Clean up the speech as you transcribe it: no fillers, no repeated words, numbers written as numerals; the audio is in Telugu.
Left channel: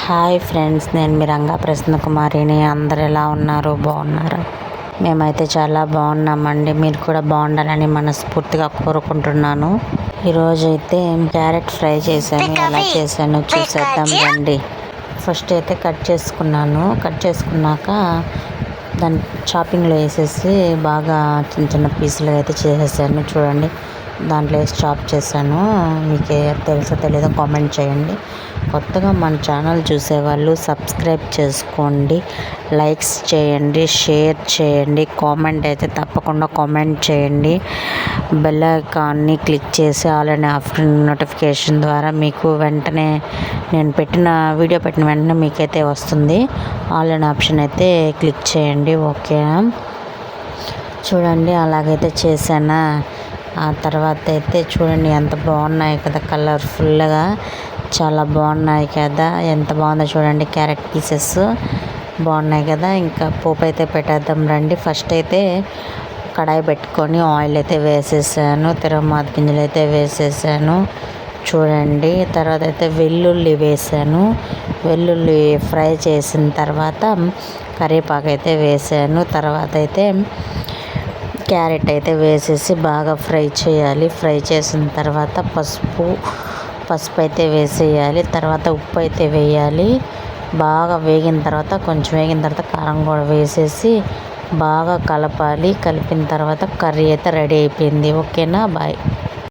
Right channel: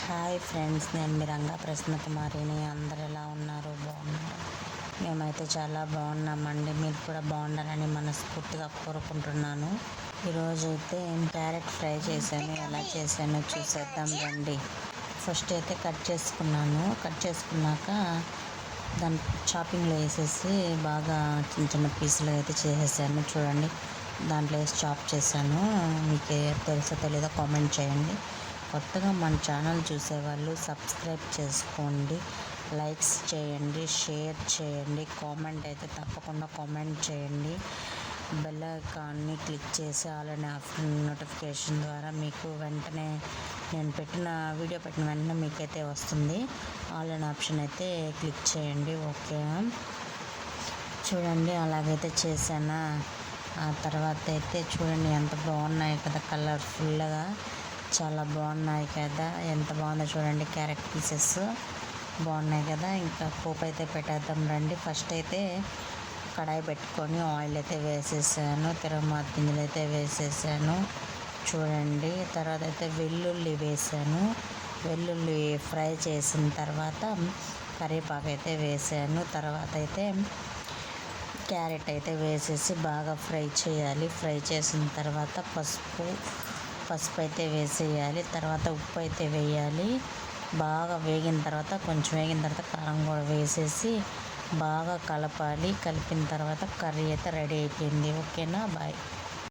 హాయ్ ఫ్రెండ్స్, నేను మీ రంగా ప్రసన్న కుమారిని. అందరు ఎలా ఉన్నారు? బాగున్నారా? మేమైతే చాలా బాగున్నామండి. మీరు కూడా బాగుండాలని మనస్ఫూర్తిగా కోరుకుంటున్నాను. ఈరోజు అయితే క్యారెట్ ఫ్రై చేశాను. ఎలా చేశాను చూసేద్దాం రండి. ఫస్ట్ అయితే కట్ చేసుకున్నాక దాన్ని చాపింగ్లో వేసేసి బాగా చిన్న చిన్న పీసులు అయితే చేసేసాను. చూడండి, దాంట్లో వేసి చాప్ చేశాను. మీకు తెలుసో తెలీదో కామెంట్ చేయండి. కొత్తగా మన ఛానల్ చూసేవాళ్ళు సబ్స్క్రైబ్ చేసుకోండి, లైక్స్ చేయండి, షేర్ చేయండి, కామెంట్ అయితే తప్పకుండా కామెంట్ చేయండి. బెల్ ఐకాన్ని క్లిక్ చేసి ఆల్ అండ్ ఆఫ్టర్ నోటిఫికేషన్ ద్వారా మీకు వెంటనే నేను వీడియో పెట్టిన వెంటనే మీకైతే వస్తుంది. ఆల్ అండ్ ఆప్షన్ అయితే క్లిక్ చేయండి. ఓకే, చూడండి అలాగైతే చేశానా. ఆ తర్వాత అయితే చూడండి ఎంత బాగున్నాయి కదా, కలర్ఫుల్గా చాలా బాగున్నాయి కదా. ఎంత బాగుందో చూడండి, క్యారెట్ పీసెస్ బాగున్నాయి కదా. ఇంకా పోపు అయితే పెట్టేద్దాం రండి. ఫస్ట్ అయితే కడాయి పెట్టుకొని ఆయిల్ అయితే వేసేసాను, తిరగమాత గింజలు అయితే వేసేసాను చూడండి. తర్వాత అయితే వెల్లుల్లి వేసాను. వెల్లుల్లి ఫ్రై చేసిన తర్వాత కరివేపాకు అయితే వేసాను. తర్వాత అయితే క్యారెట్ అయితే వేసేసి బాగా ఫ్రై చేయాలి. ఫ్రై చేసిన తర్వాత పసుపు అయితే వేసేయాలి. తర్వాత ఉప్పు అయితే వేయాలి. బాగా వేగిన తర్వాత కారం కూడా వేసేసి బాగా కలపాలి. కలిపిన తర్వాత కర్రీ అయితే రెడీ అయిపోయింది. ఓకేనా, బాయ్.